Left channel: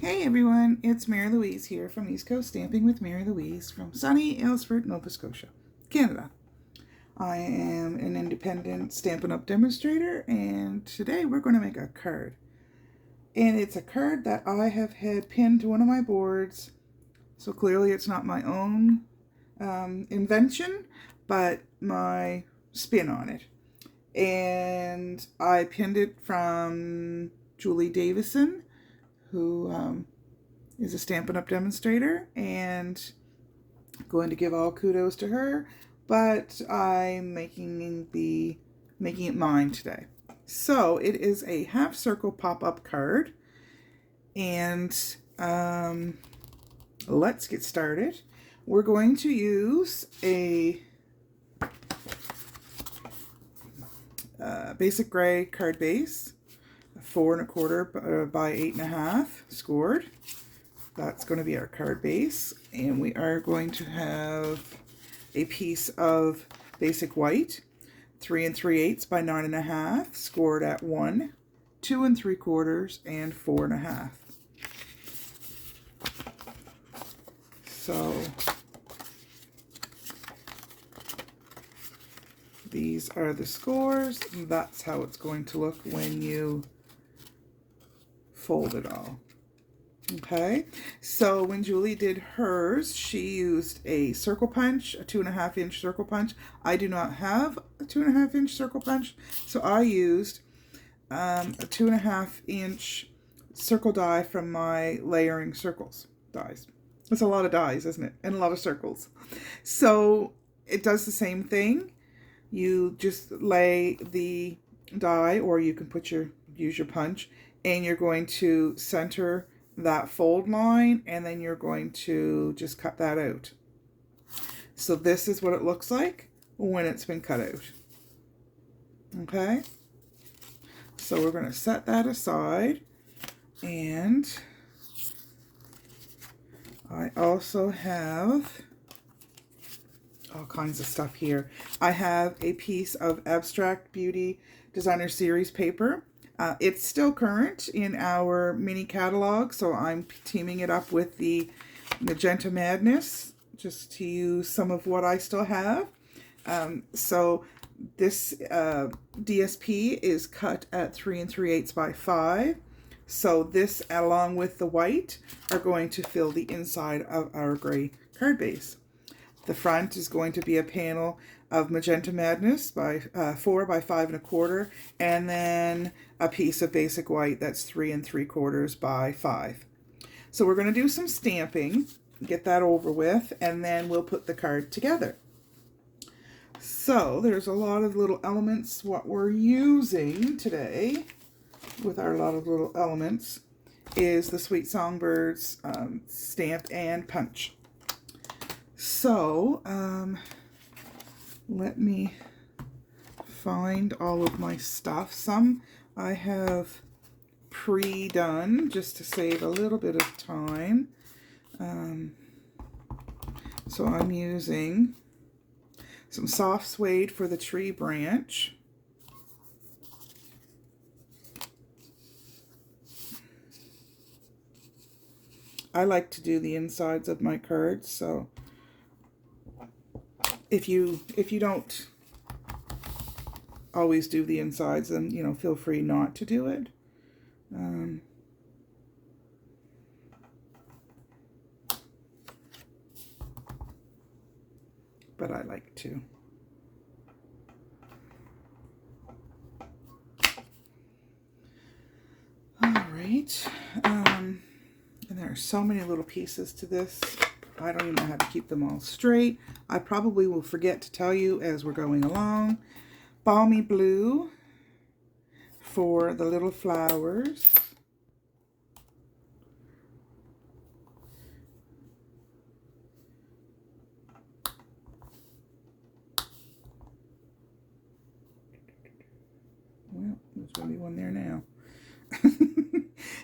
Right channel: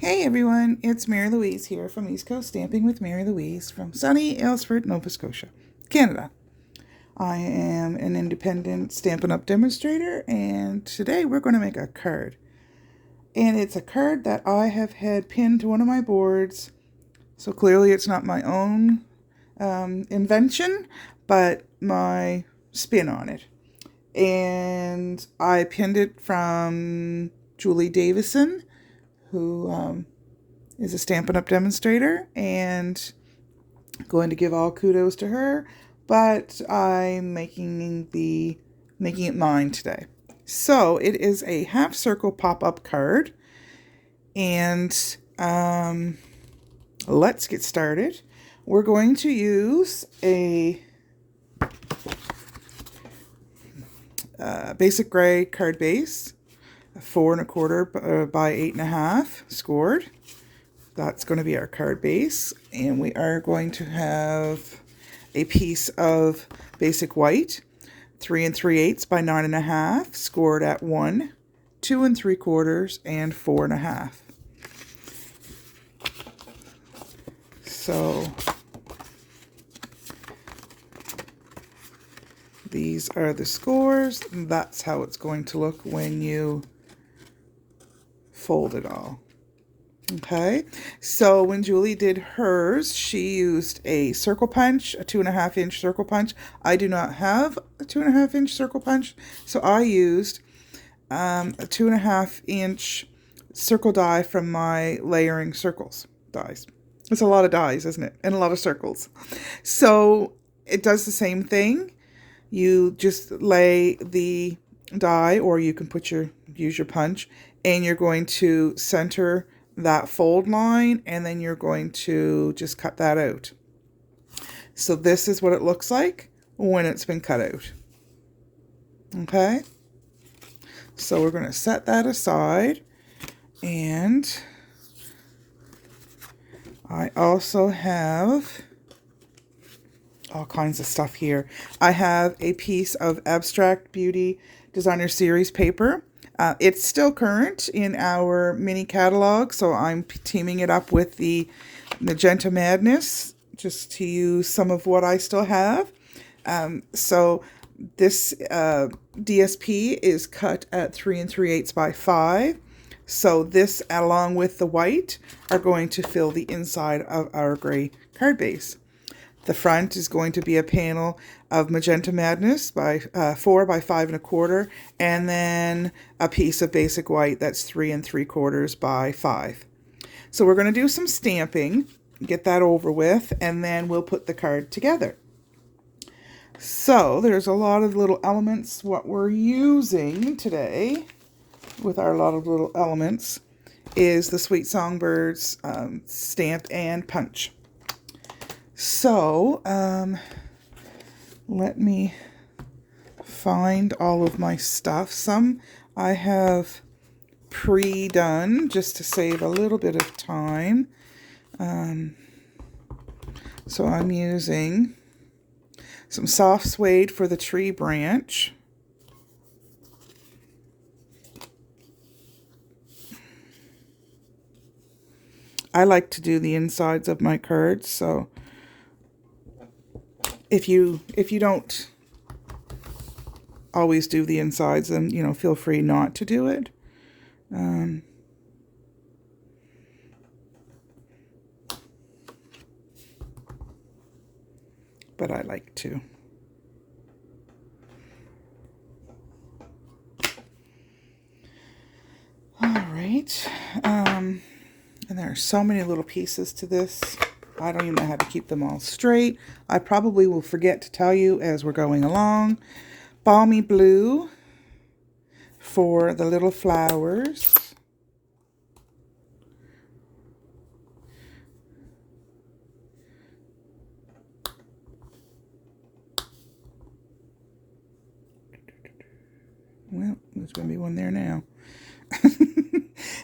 Hey everyone, it's Mary Louise here from East Coast Stamping with Mary Louise from sunny Aylesford, Nova Scotia, Canada. I am an independent Stampin' Up! Demonstrator, and today we're going to make a card. And it's a card that I have had pinned to one of my boards, so clearly it's not my own invention, but my spin on it. And I pinned it from Julie Davison, who is a Stampin' Up! Demonstrator, and going to give all kudos to her, but I'm making it mine today. So it is a half circle pop-up card, and let's get started. We're going to use a basic gray card base, 4 1/4 by 8 1/2 scored. That's going to be our card base, and we are going to have a piece of basic white, 3 3/8 by 9 1/2 scored at 1, 2 3/4, and 4 1/2. So these are the scores, and that's how it's going to look when you fold it all. Okay, so when Julie did hers, she used a circle punch, a 2 1/2 inch circle punch. I do not have a 2 1/2 inch circle punch, so I used a 2 1/2 inch circle die from my layering circles dies. It's a lot of dies, isn't it? And a lot of circles. So it does the same thing. You just lay the die, or you can use your punch, and you're going to center that fold line, and then you're going to just cut that out. So this is what it looks like when it's been cut out. Okay, so we're going to set that aside, and I also have all kinds of stuff here. I have a piece of Abstract Beauty Designer Series paper. It's still current in our mini catalog, so I'm teaming it up with the Magenta Madness just to use some of what I still have. So this DSP is cut at 3 3/8 by 5. So this, along with the white, are going to fill the inside of our gray card base. The front is going to be a panel of Magenta Madness by 4 by 5 1/4, and then a piece of basic white that's 3 3/4 by 5. So we're going to do some stamping, get that over with, and then we'll put the card together. So there's a lot of little elements. What we're using today with our lot of little elements is the Sweet Songbirds stamp and punch. So, let me find all of my stuff. Some I have pre-done just to save a little bit of time. So I'm using some soft suede for the tree branch. I like to do the insides of my cards, so if you don't always do the insides, then feel free not to do it. But I like to. All right. And there are so many little pieces to this. I don't even know how to keep them all straight. I probably will forget to tell you as we're going along. Balmy blue for the little flowers. Well, there's going to be one there now.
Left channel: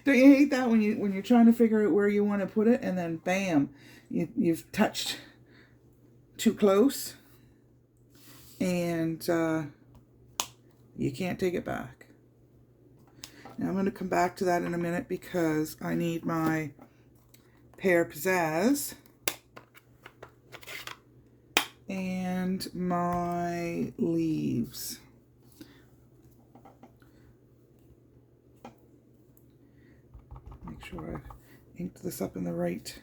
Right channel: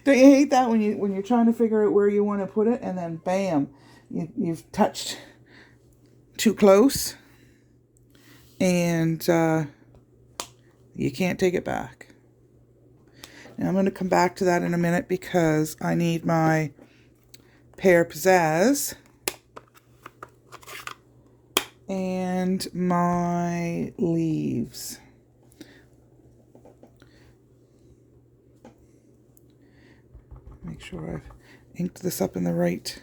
Don't you hate that when you're trying to figure out where you want to put it, and then bam, you've touched too close, and you can't take it back. Now I'm going to come back to that in a minute because I need my pear pizzazz and my leaves. Make sure I've inked this up in the right.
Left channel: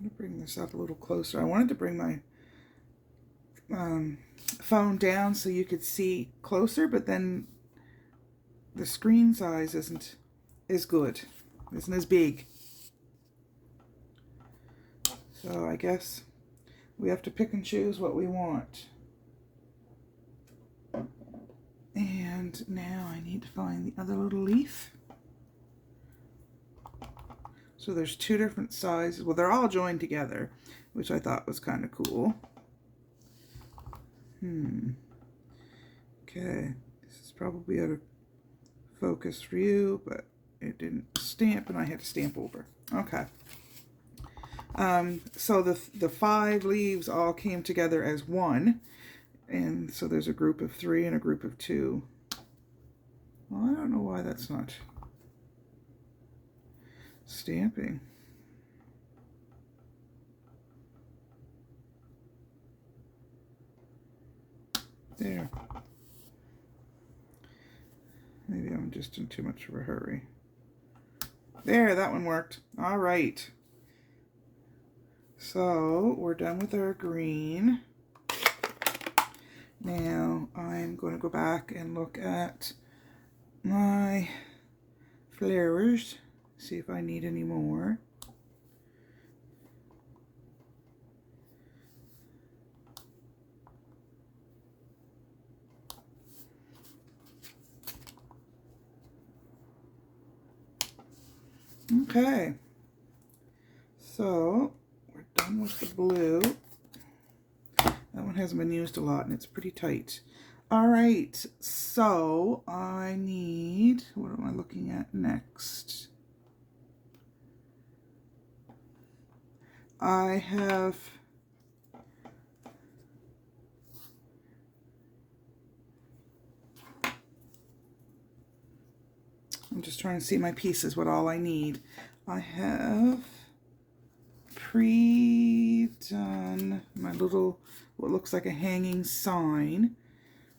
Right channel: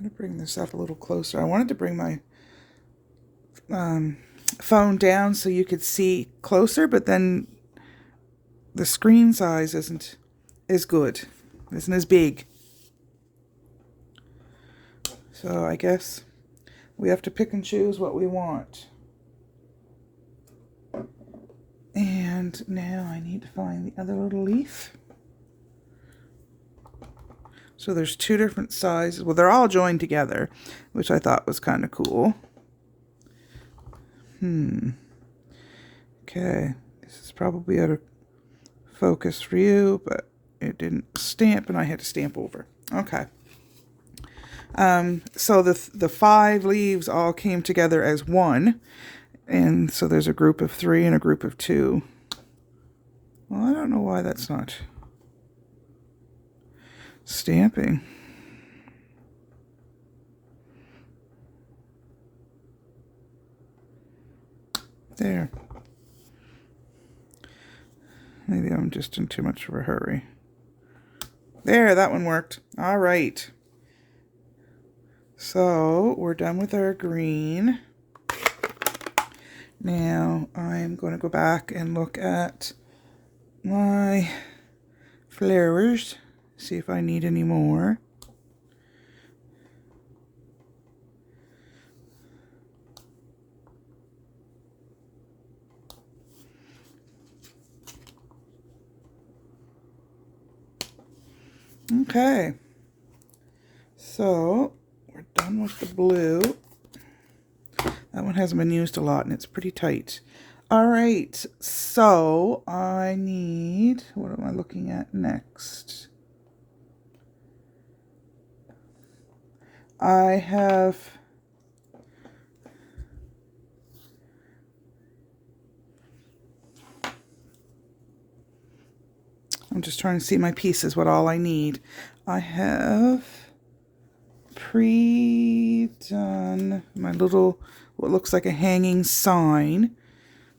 I'm going to bring this up a little closer. I wanted to bring my phone down so you could see closer, but then the screen size isn't as good, isn't as big. So I guess we have to pick and choose what we want. And now I need to find the other little leaf. So there's two different sizes. Well, they're all joined together, which I thought was kind of cool. Okay, this is probably out of focus for you, but it didn't stamp and I had to stamp over. Okay. So the 5 leaves all came together as one, and so there's a group of 3 and a group of 2. Well, I don't know why that's not stamping. There. Maybe I'm just in too much of a hurry. There, that one worked. All right. So we're done with our green. Now I'm going to go back and look at my flowers, see if I need any more. Okay, so we're done with the blue. That one hasn't been used a lot and it's pretty tight. All right, so I need, what am I looking at next? I'm just trying to see my pieces, what all I need. I have pre-done my little, what looks like a hanging sign.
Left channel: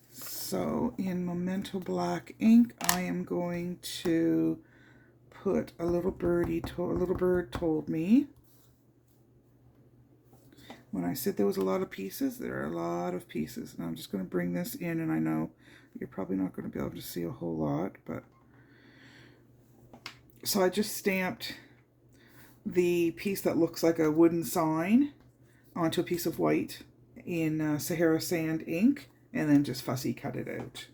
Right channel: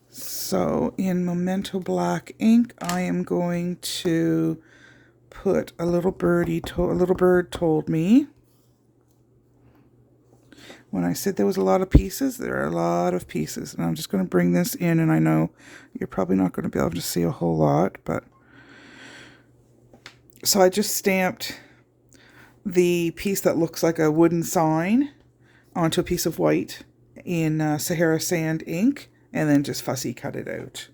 So in Memento Black ink, I am going to put a little birdie, a little bird told me. When I said there was a lot of pieces, there are a lot of pieces. And I'm just going to bring this in, and I know you're probably not going to be able to see a whole lot, but so I just stamped the piece that looks like a wooden sign onto a piece of white in Sahara Sand ink, and then just fussy cut it out.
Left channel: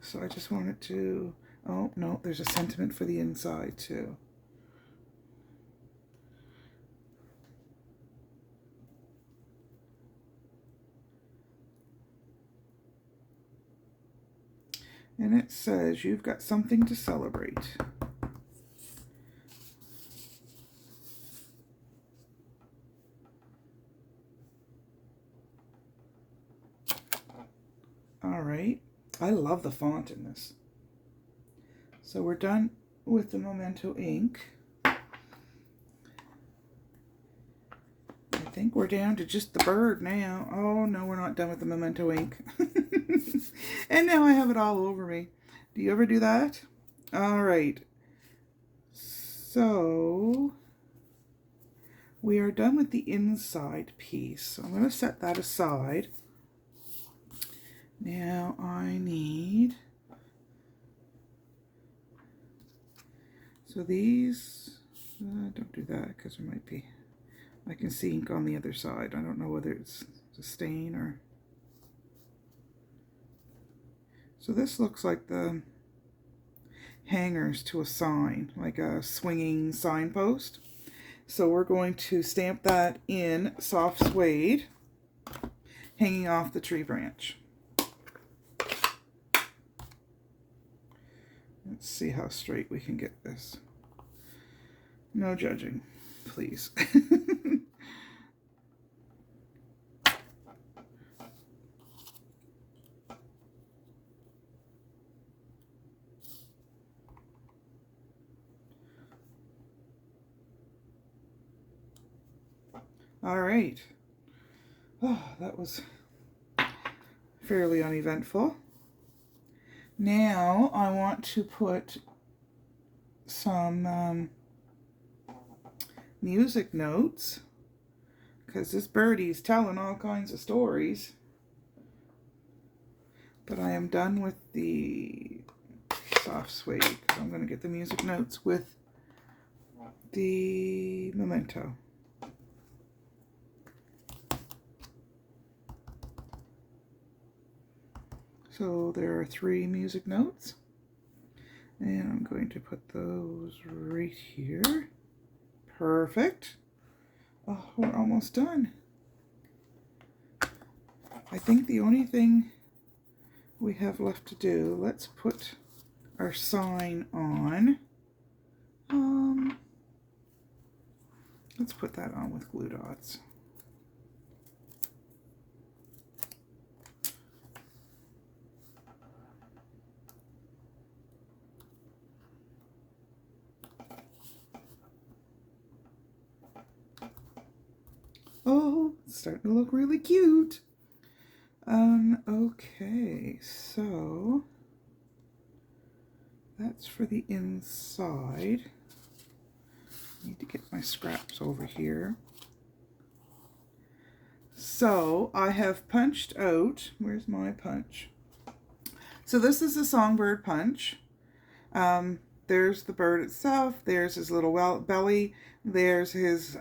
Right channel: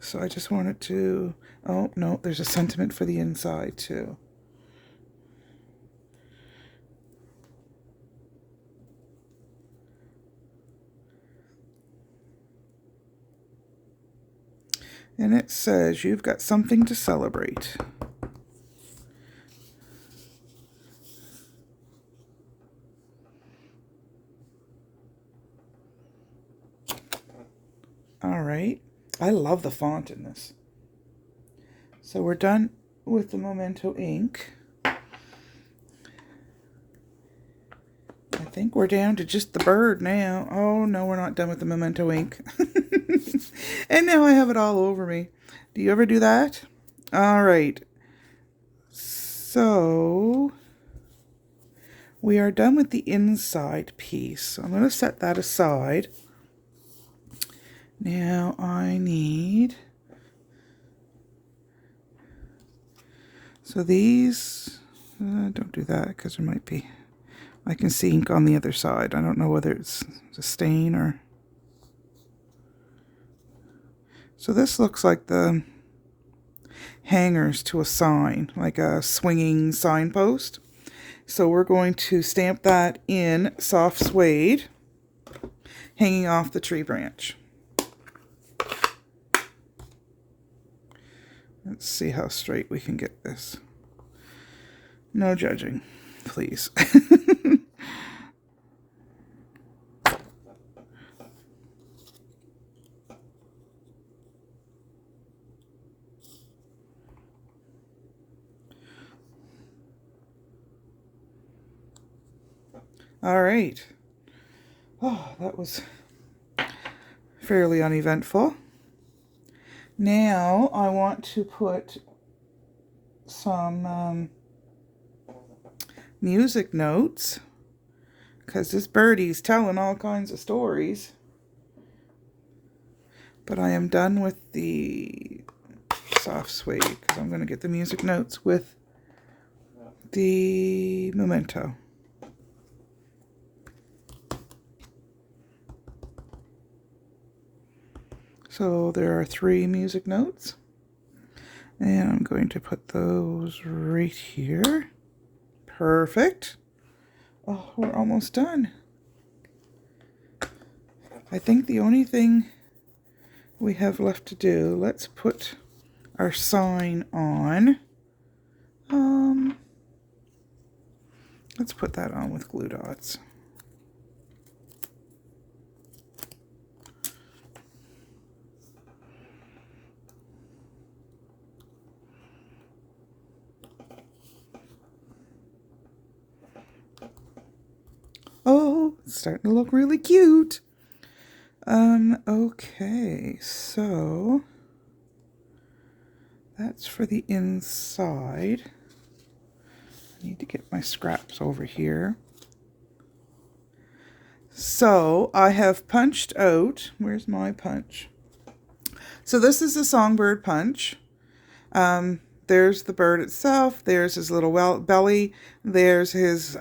So I just wanted to, oh no, there's a sentiment for the inside too. And it says, you've got something to celebrate. All right. I love the font in this. So we're done with the Memento ink. I think we're down to just the bird now. Oh, no, we're not done with the Memento ink. And now I have it all over me. Do you ever do that? All right. So we are done with the inside piece. So I'm going to set that aside. Now I need, so these, don't do that because there might be, I can see ink on the other side. I don't know whether it's a stain or, so this looks like the hangers to a sign, like a swinging signpost. So we're going to stamp that in soft suede, hanging off the tree branch. Let's see how straight we can get this. No judging, please. All right. Oh, that was fairly uneventful. Now I want to put some music notes, because this birdie's telling all kinds of stories. But I am done with the soft suede, because I'm going to get the music notes with the memento. So there are 3 music notes, and I'm going to put those right here. Perfect. Oh, we're almost done. I think the only thing we have left to do, let's put our sign on. Let's put that on with glue dots. Oh, it's starting to look really cute. Okay, so that's for the inside. I need to get my scraps over here. So I have punched out, where's my punch? So this is the songbird punch. There's the bird itself, there's his little belly, there's his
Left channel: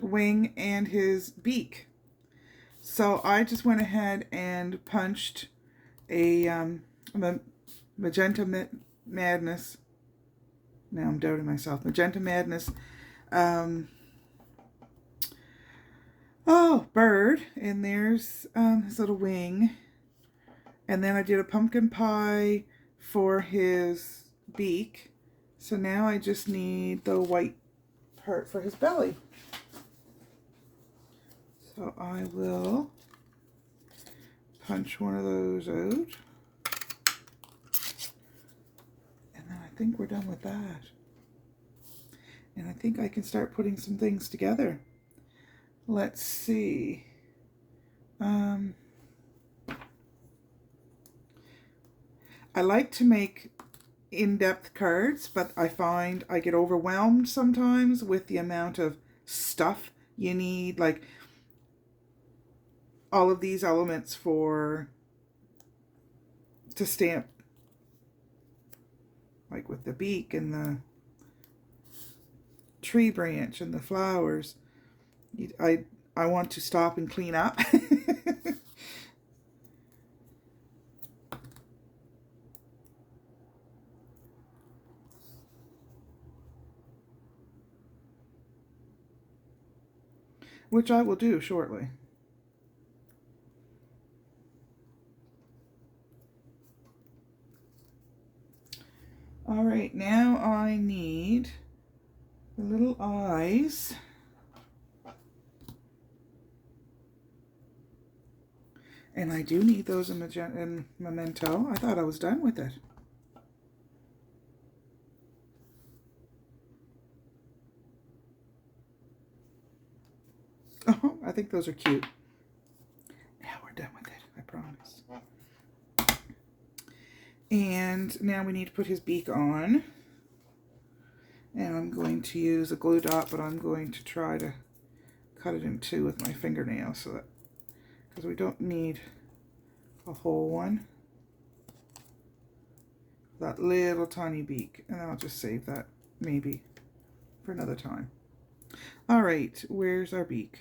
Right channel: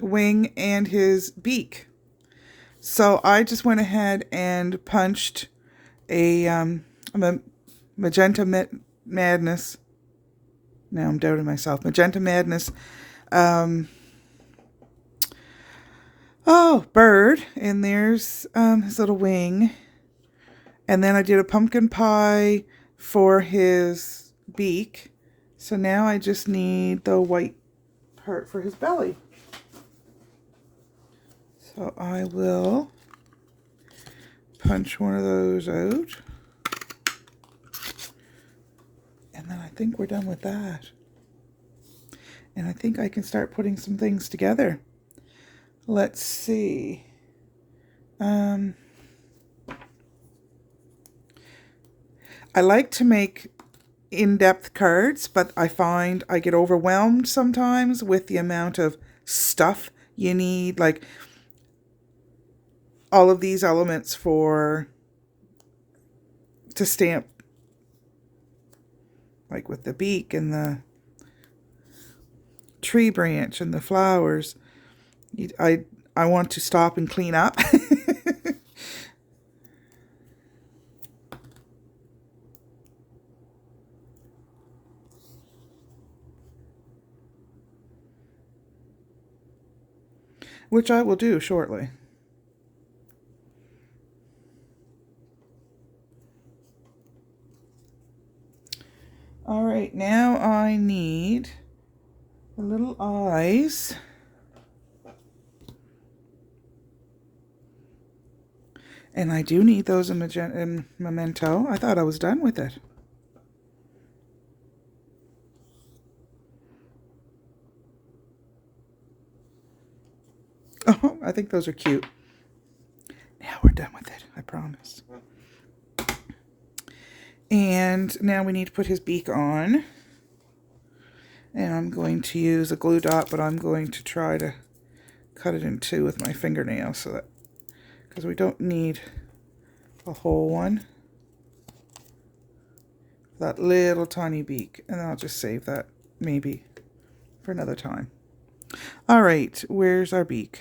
wing and his beak. So I just went ahead and punched a Magenta Madness. Now I'm doubting myself. Magenta Madness. Bird. And there's his little wing. And then I did a pumpkin pie for his beak. So now I just need the white part for his belly. So I will punch one of those out. And then I think we're done with that. And I think I can start putting some things together. Let's see. I like to make in-depth cards, but I find I get overwhelmed sometimes with the amount of stuff you need, like all of these elements to stamp, like with the beak and the tree branch and the flowers. I want to stop and clean up. Which I will do shortly. All right, now I need the little eyes. And I do need those in memento. I thought I was done with it. Oh, I think those are cute. Now we're done with it, I promise. And now we need to put his beak on. And I'm going to use a glue dot, but I'm going to try to cut it in 2 with my fingernail, so that, because we don't need a whole one. That little tiny beak. And then I'll just save that maybe for another time. All right, where's our beak?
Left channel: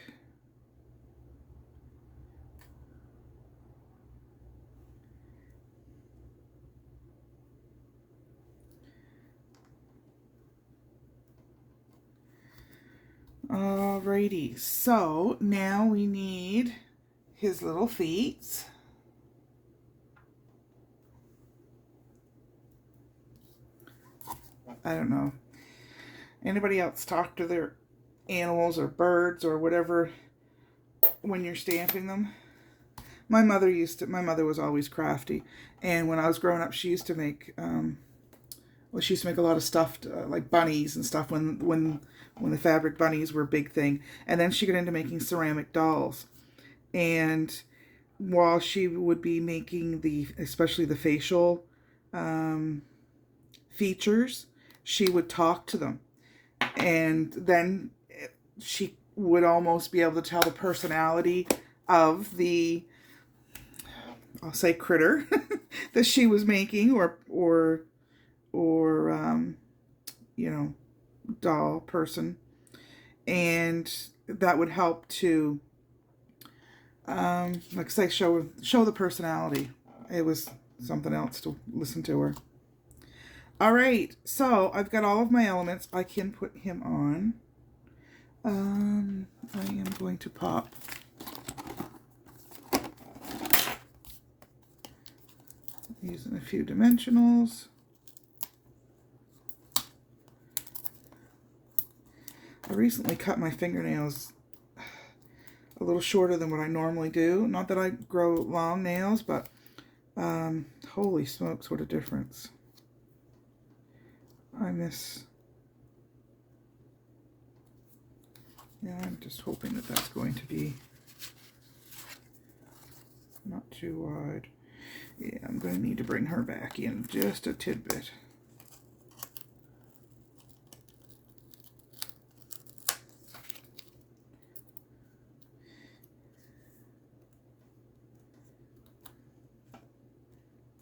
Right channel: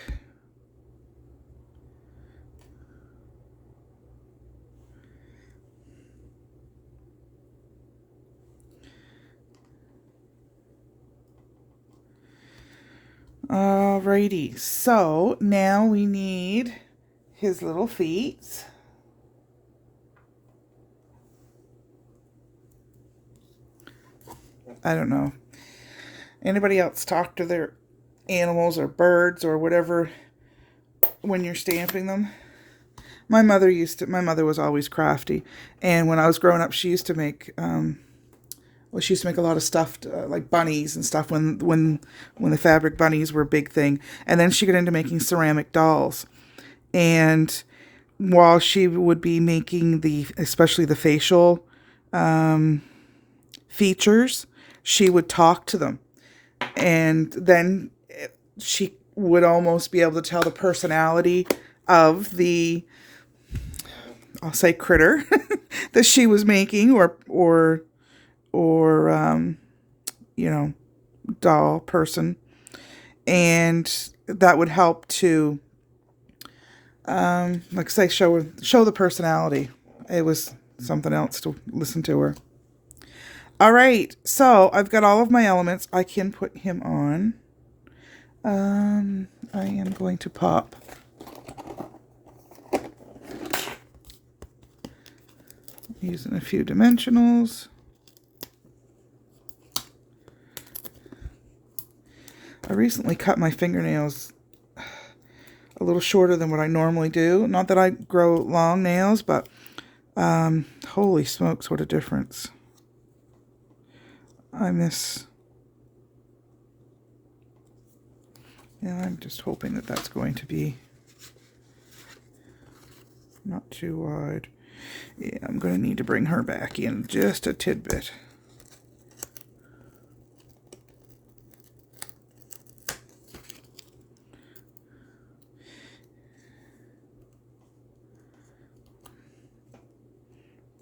Alrighty, so now we need his little feet. I don't know. Anybody else talk to their animals or birds or whatever when you're stamping them? My mother was always crafty, and when I was growing up, she used to make well, she used to make a lot of stuffed like bunnies and stuff when the fabric bunnies were a big thing. And then she got into making ceramic dolls. And while she would be making especially the facial features, she would talk to them. And then she would almost be able to tell the personality of the, I'll say, critter that she was making, or you know, doll person. And that would help to, like I say, show the personality. It was something else to listen to her. All right, so I've got all of my elements. I can put him on. I am going to pop using a few dimensionals. I recently cut my fingernails a little shorter than what I normally do. Not that I grow long nails, but holy smokes, what a difference. And I'm just hoping that that's going to be not too wide. Yeah, I'm going to need to bring her back in just a tidbit.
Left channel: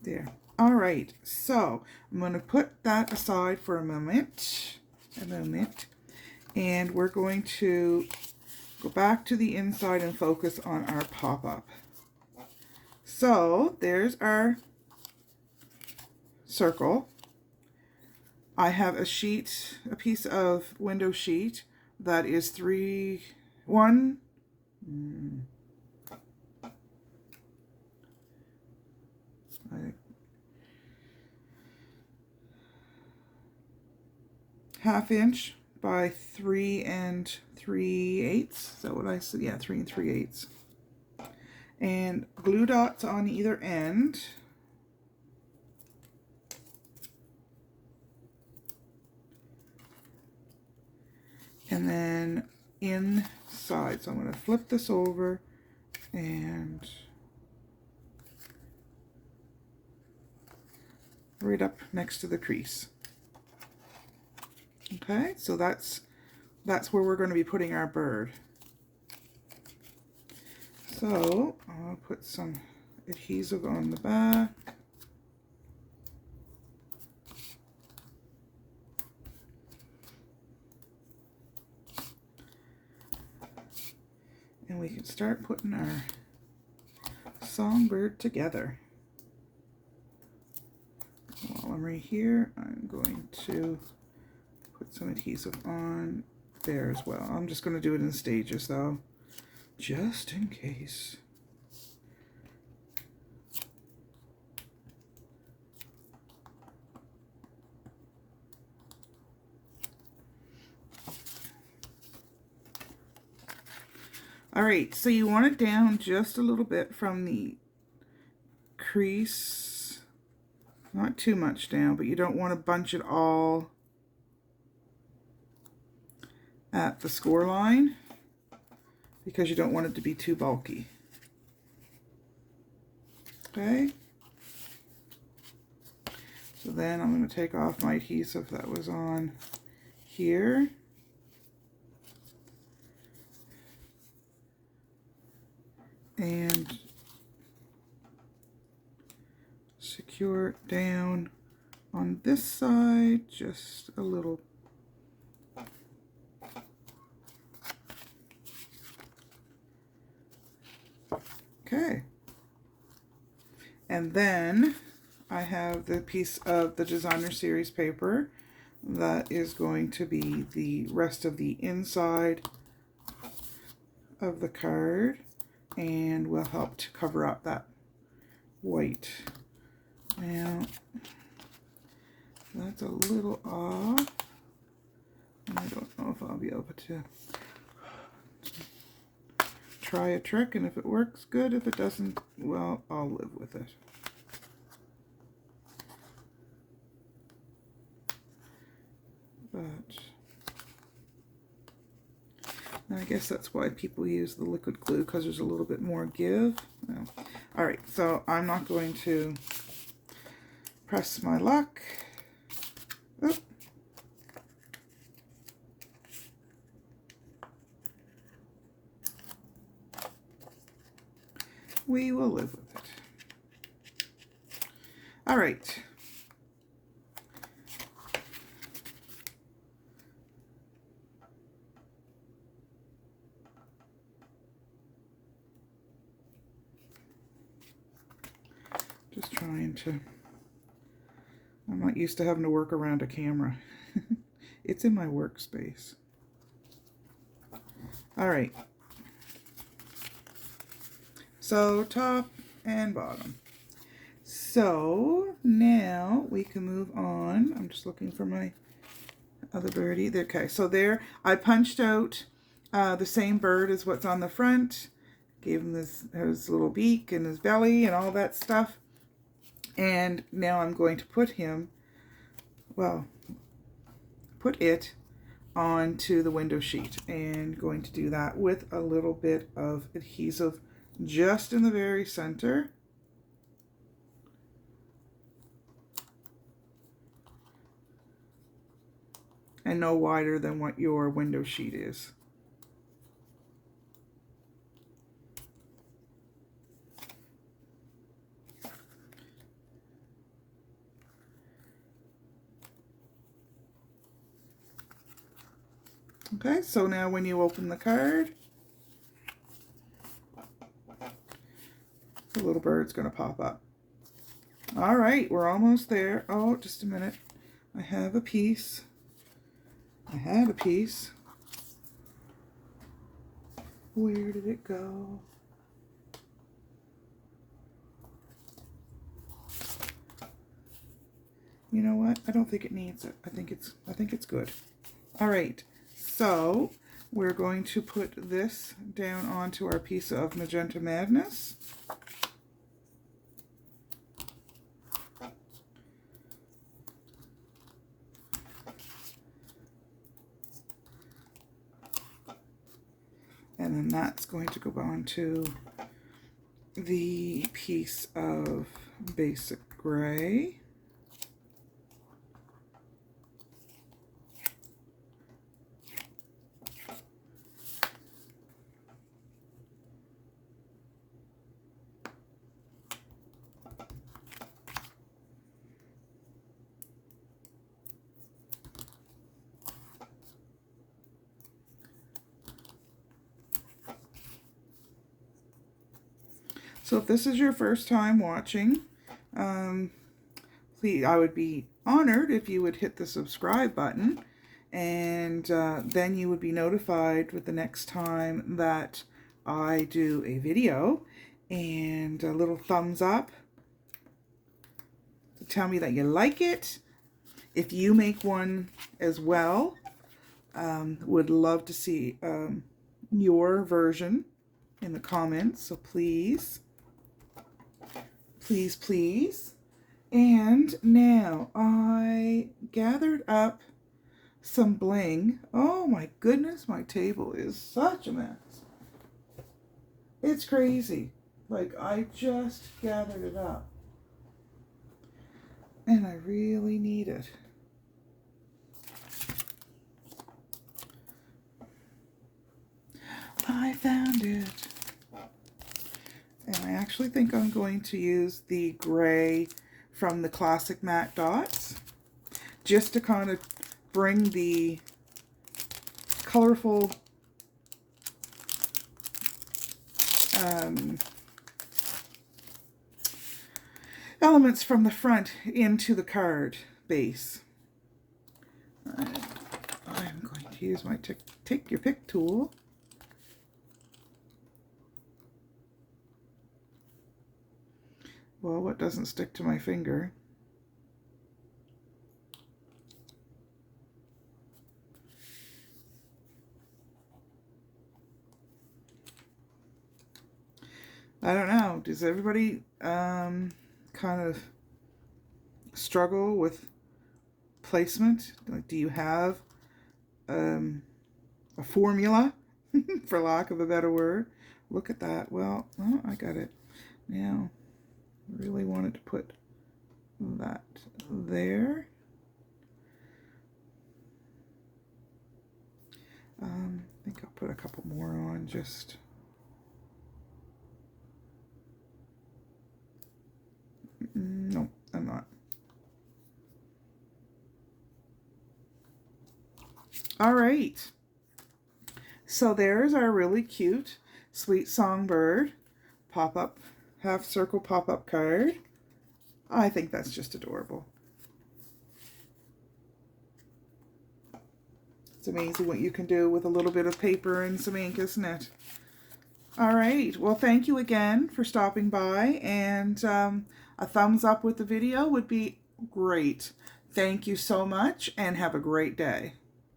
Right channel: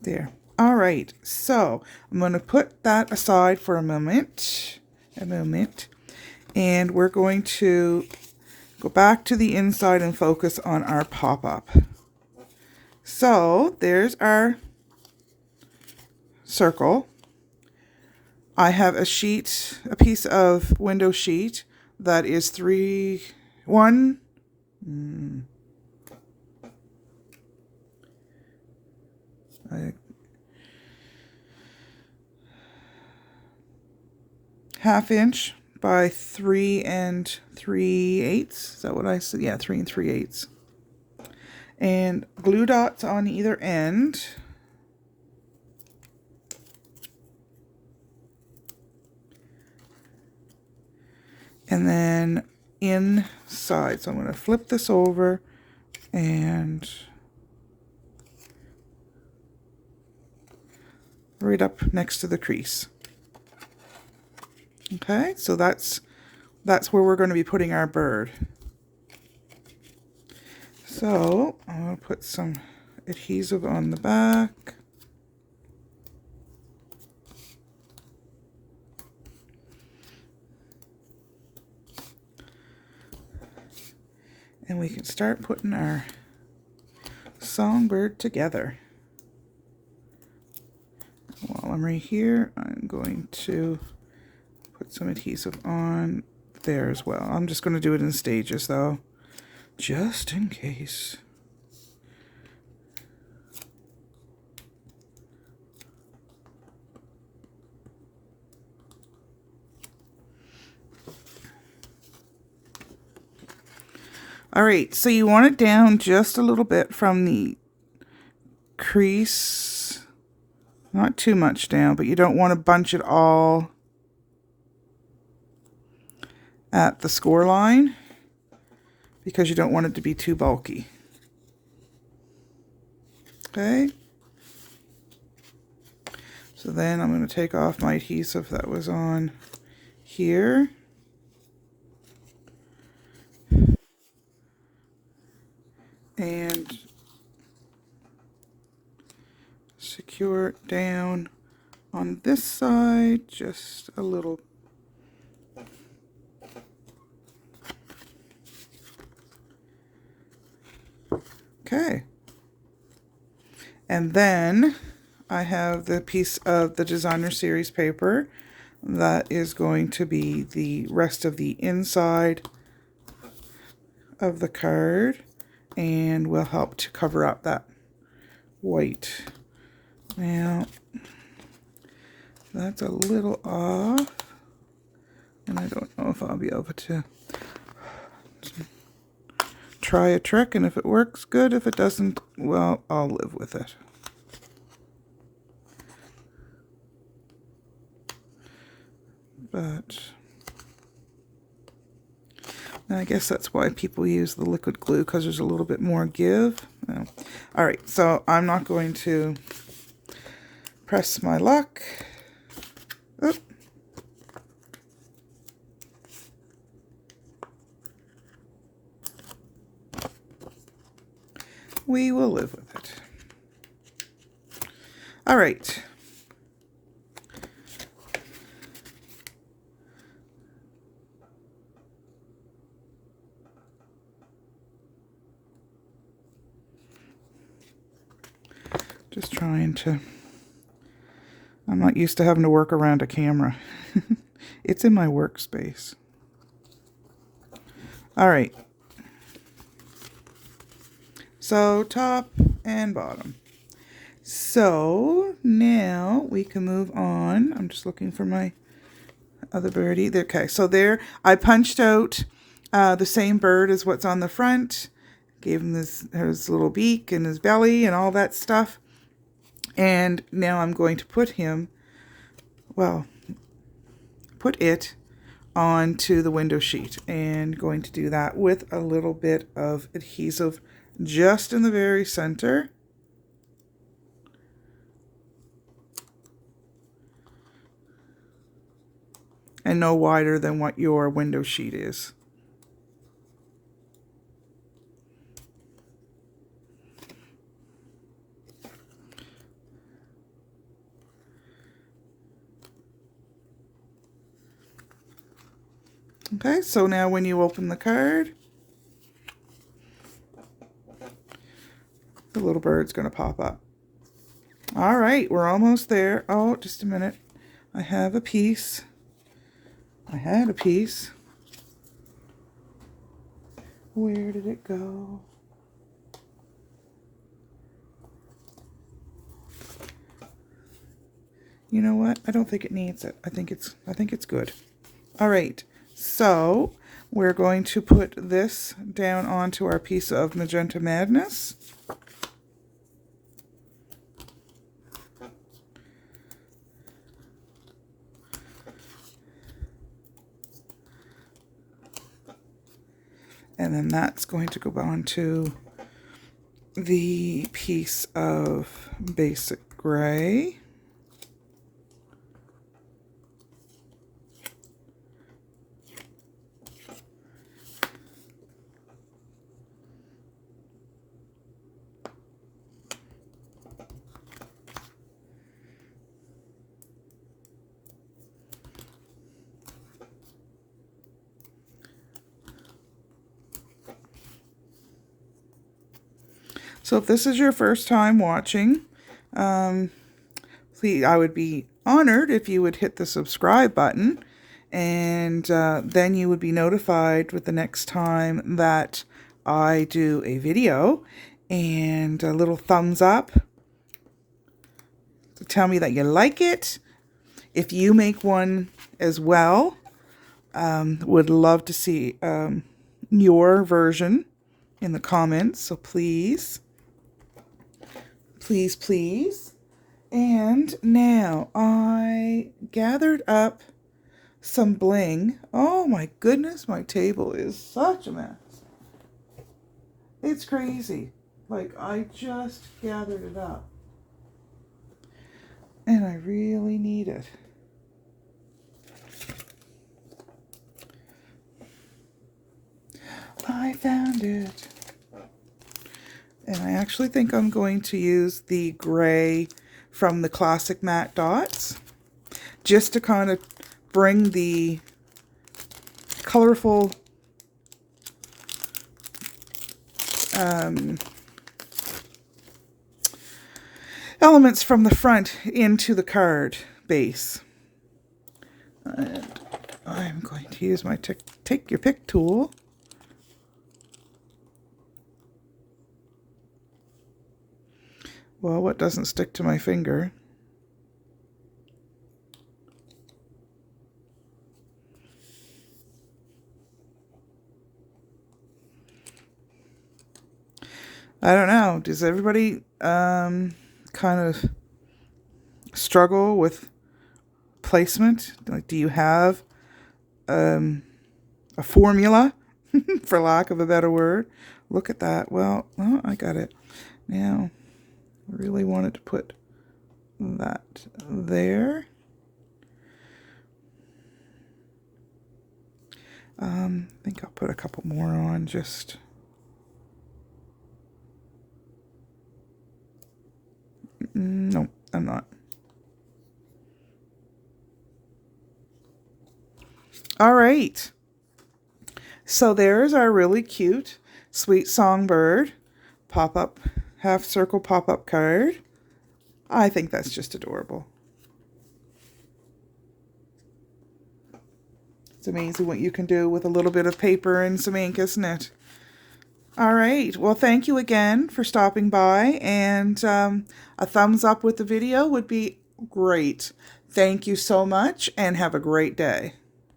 There. All right, so I'm going to put that aside for a moment, and we're going to go back to the inside and focus on our pop-up. So there's our circle. I have a piece of window sheet that is 1/2 inch by 3 3/8. Is that what I said? Yeah, 3 3/8. And glue dots on either end. And then inside. So I'm going to flip this over and right up next to the crease. Okay, so that's where we're going to be putting our bird. So I'm going to put some adhesive on the back. And we can start putting our songbird together. While I'm right here, I'm going to put some adhesive on there as well. I'm just going to do it in stages though, just in case. All right, so you want it down just a little bit from the crease, not too much down, but you don't want to bunch it all at the score line because you don't want it to be too bulky. Okay. So then I'm going to take off my adhesive that was on here. And secure it down on this side just a little. Okay. And then I have the piece of the designer series paper that is going to be the rest of the inside of the card and will help to cover up that white. Now, that's a little off, and I don't know if I'll be able to try a trick, and if it works, good. If it doesn't, well, I'll live with it. but I guess that's why people use the liquid glue, because there's a little bit more give. Oh. All right, so I'm not going to press my luck. Oop. We will live with it. All right. Just trying to, I'm not used to having to work around a camera. It's in my workspace. All right. So top and bottom. So now we can move on. I'm just looking for my other birdie. Okay, so there I punched out the same bird as what's on the front. Gave him his little beak and his belly and all that stuff. And now I'm going to put him, well, put it onto the window sheet, and going to do that with a little bit of adhesive just in the very center. And no wider than what your window sheet is. Okay, so now when you open the card, the little bird's going to pop up. All right, we're almost there. Oh, just a minute. I have a piece. I had a piece. Where did it go? You know what? I don't think it needs it. I think it's good. All right. So we're going to put this down onto our piece of Magenta Madness. And then that's going to go onto the piece of Basic Gray. So if this is your first time watching, please, I would be honored if you would hit the subscribe button, and then you would be notified with the next time that I do a video, and a little thumbs up to tell me that you like it. If you make one as well, would love to see your version in the comments, so please. Please, please. And now I gathered up some bling. Oh my goodness, my table is such a mess. It's crazy. Like, I just gathered it up. And I really need it. I found it. And I actually think I'm going to use the gray from the Classic Matte Dots, just to kind of bring the colorful elements from the front into the card base. And I'm going to use my take your pick tool. Well, what doesn't stick to my finger? I don't know. Does everybody kind of struggle with placement? Like, do you have a formula, for lack of a better word? Look at that. Well, I got it. Now, I really wanted to put that there. I think I'll put a couple more on just... No, I'm not. All right. So there's our really cute Sweet Songbird pop-up, half circle pop-up card. I think that's just adorable. It's amazing what you can do with a little bit of paper and some ink, isn't it? All right. Well, thank you again for stopping by, and a thumbs up with the video would be great. Thank you so much, and have a great day.